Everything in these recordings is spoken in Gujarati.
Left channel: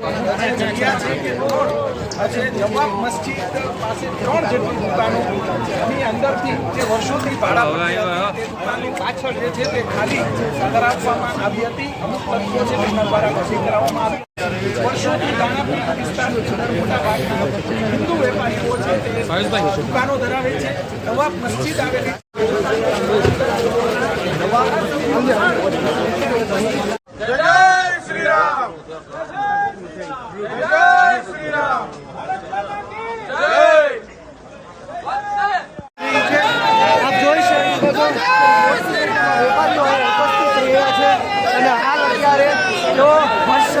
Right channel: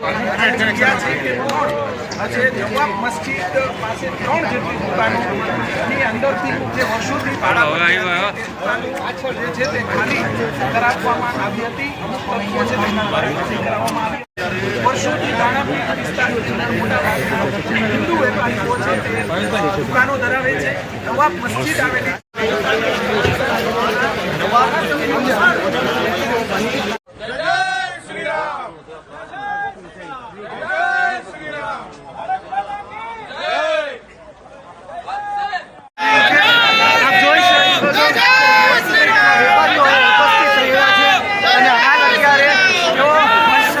જગ્યા છે કે દુકાનો ની અંદરથી જે વર્ષોથી જે છે તે ખાલી આવી હતી અમુક તત્વો છે તેના દ્વારા ભાગના હિન્દુ વેપારીઓ છે તે દુકાનો ધરાવે છે નવાબ મસ્જિદ આવેલી આપ જોઈ શકો છો વેપારીઓ અહીં ઉપસ્થિત રહ્યા છે અને હાલ અત્યારે તેઓ હર્ષ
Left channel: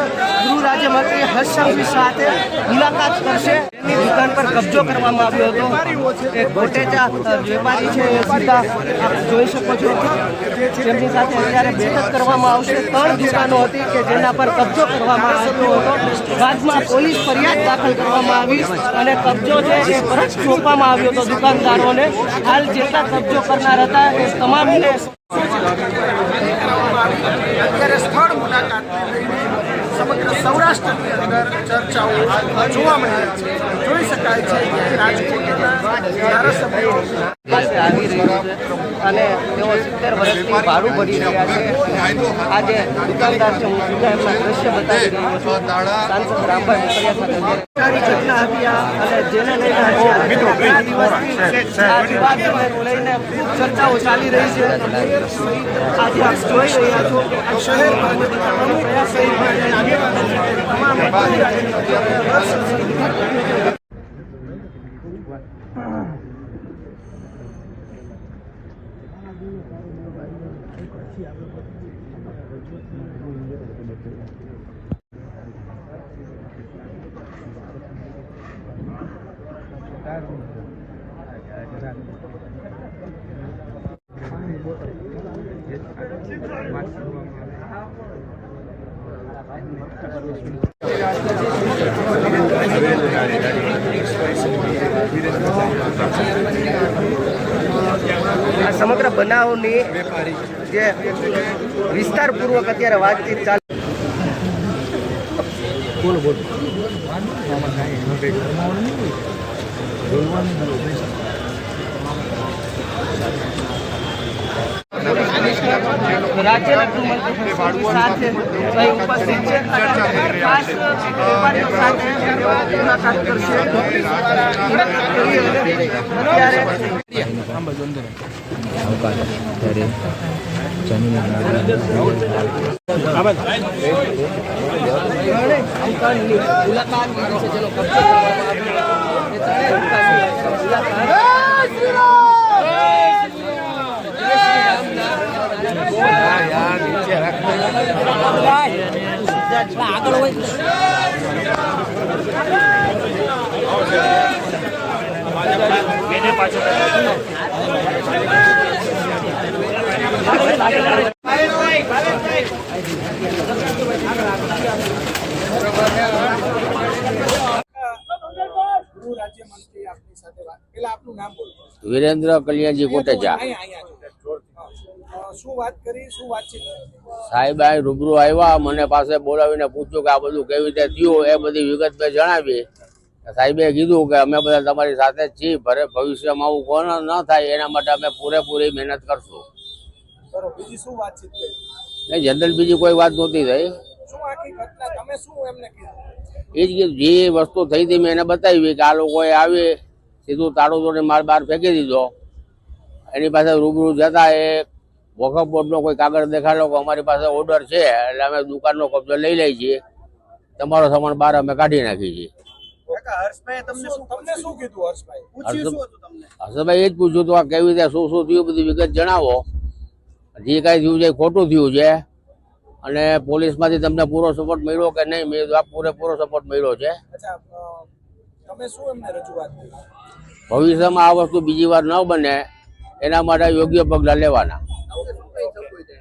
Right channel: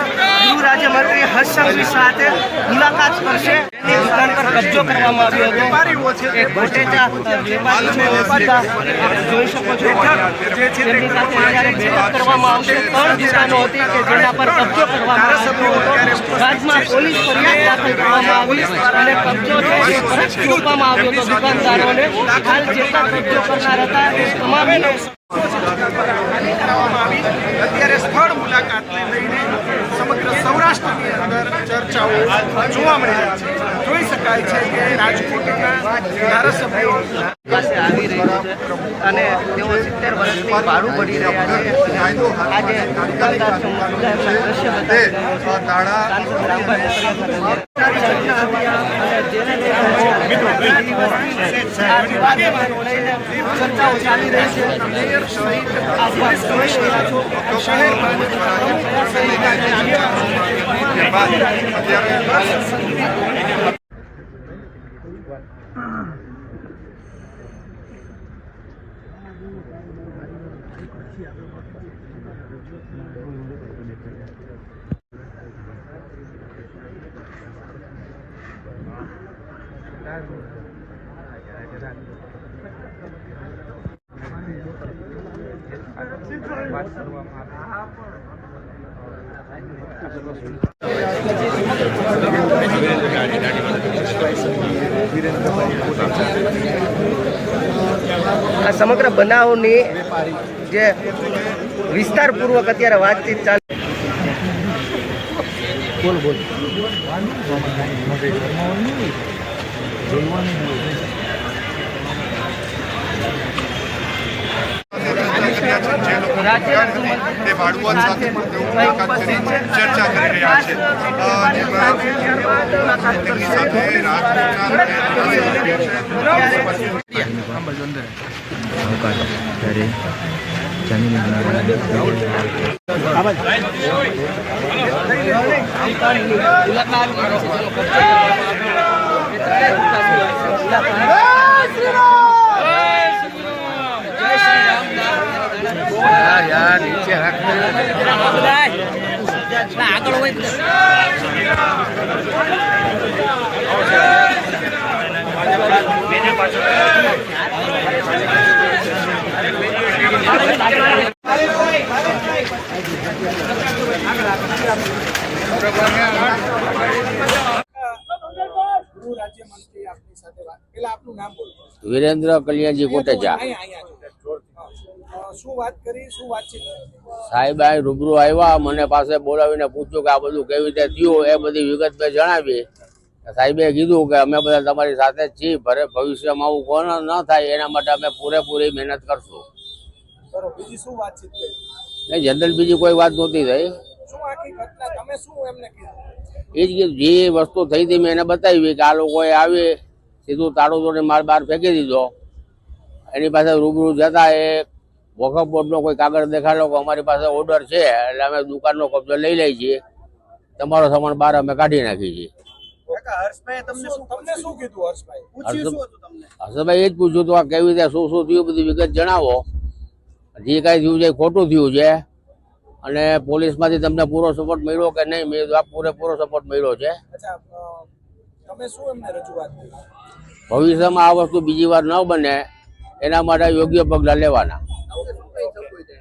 ગૃહ રાજ્યમંત્રી હર્ષ સંઘવી સાથે મુલાકાત કરશે. એની દુકાન પર કબજો કરવામાં આવ્યો હતો. વેપારીઓ છે વેપારી છે વેપારી આપ જોઈ શકો છો તેમની સાથે અત્યારે બેઠક કરવામાં આવશે ત્રણ દુકાનો હતી કે જેના પર કબજો કરવામાં આવ્યો હતો. રાજમાં પોલીસ ફરિયાદ દાખલ કરવામાં આવી અને કબજો છે એ પરત સોંપવામાં આવ્યો હતો. દુકાનદારોને હાલ જેટલા કબજો કરનાર હતા એ તમામને કરવામાં આવી અત્યારે સ્થળ મુલાકાતને લઈને સમગ્ર સૌરાષ્ટ્રની અંદર ચર્ચાઓ જોવા મળી રહી છે. જોઈ શકાય છે કે રાજકોટના ધારાસભ્યો અને તેઓ સિત્તેર વર્ષથી ભાડું ભરી રહ્યા છે. આજે દુકાનદાર છે હું દ્રશ્ય ચર્ચાઓ ચાલી રહી છે. મેયર સહિત આજે આપ જોઈ રહ્યા છો શહેર પાલિકા સહિત આ સમગ્ર બનાવની જે વિસ્તારપૂર્વક અત્યારે વાતચીત ચાલે જે લોકો તે ભાડુઆત સાથે પણ તેઓ મુલાકાત કરી ચર્ચા કરી રહ્યા છે. જેમાં તેમની સાથે રાજકોટના ગૃહ રાજ્યમંત્રી આપની સાથે વાત પેલા આપનું નામ બોલો વિરેન્દ્ર કલ્યાણજી કોટેચા અહીંયા અહીંયા અ, શું વાત કરી શું વાતચીત સાહેબ આ રૂબરૂ આવ્યા મને પાસે બોલાવીને પૂછ્યું કે આ બધું કેવી રીતે થયું એ બધી વિગત મેં જણાવી સાહેબે કીધું કે અમે બધા તમારી સાથે જ છીએ ભરે ભવિષ્યમાં આવું કોણ ન થાય એના માટે અમે પૂરેપૂરી મહેનત કરશું. નહીં બીજી શું વાતચીત કરી? જનરલ બીજી કોઈ વાત નહોતી થઈ. શું આખી ઘટના? તમે શું એમને કીધું? એ જ કીધું જે વસ્તુ થઈ હતી મેં એને બતાવી કે આ લોકોએ આવી સીધું તાળું તોડી માલ બહાર ફેંકી દીધો. એની પાસે રૂબરૂ જતા એ વખફ બોર્ડનો કોઈ કાગળ દેખાડો કે અમારી પાસે ઓર્ડર છે એટલે અમે દુકાનનો કબજો લઈ લઈએ છીએ. તમારો સામાન બહાર અમે કાઢી નાખીએ છીએ. તમને શું તમને શું કીધું હર્ષભાઈ પૂછ્યું શું હતું તમને? હર્ષભાઈ એ જ પૂછ્યું હતું આ કેવી રીતે શું શું થયું બધી વિગત જણાવો. જે કાંઈ થયું છે ખોટું થયું છે. અને પોલીસમાંથી તમને પૂરો સપોર્ટ મળ્યો કે નહીં મેં આ પૂરેપૂરો સપોર્ટ મળ્યો છે. ભવિષ્યમાં આ વસ્તુ બીજી વાર ન બને એના માટે યોગ્ય પગલાં લેવાના. ಇದೆ.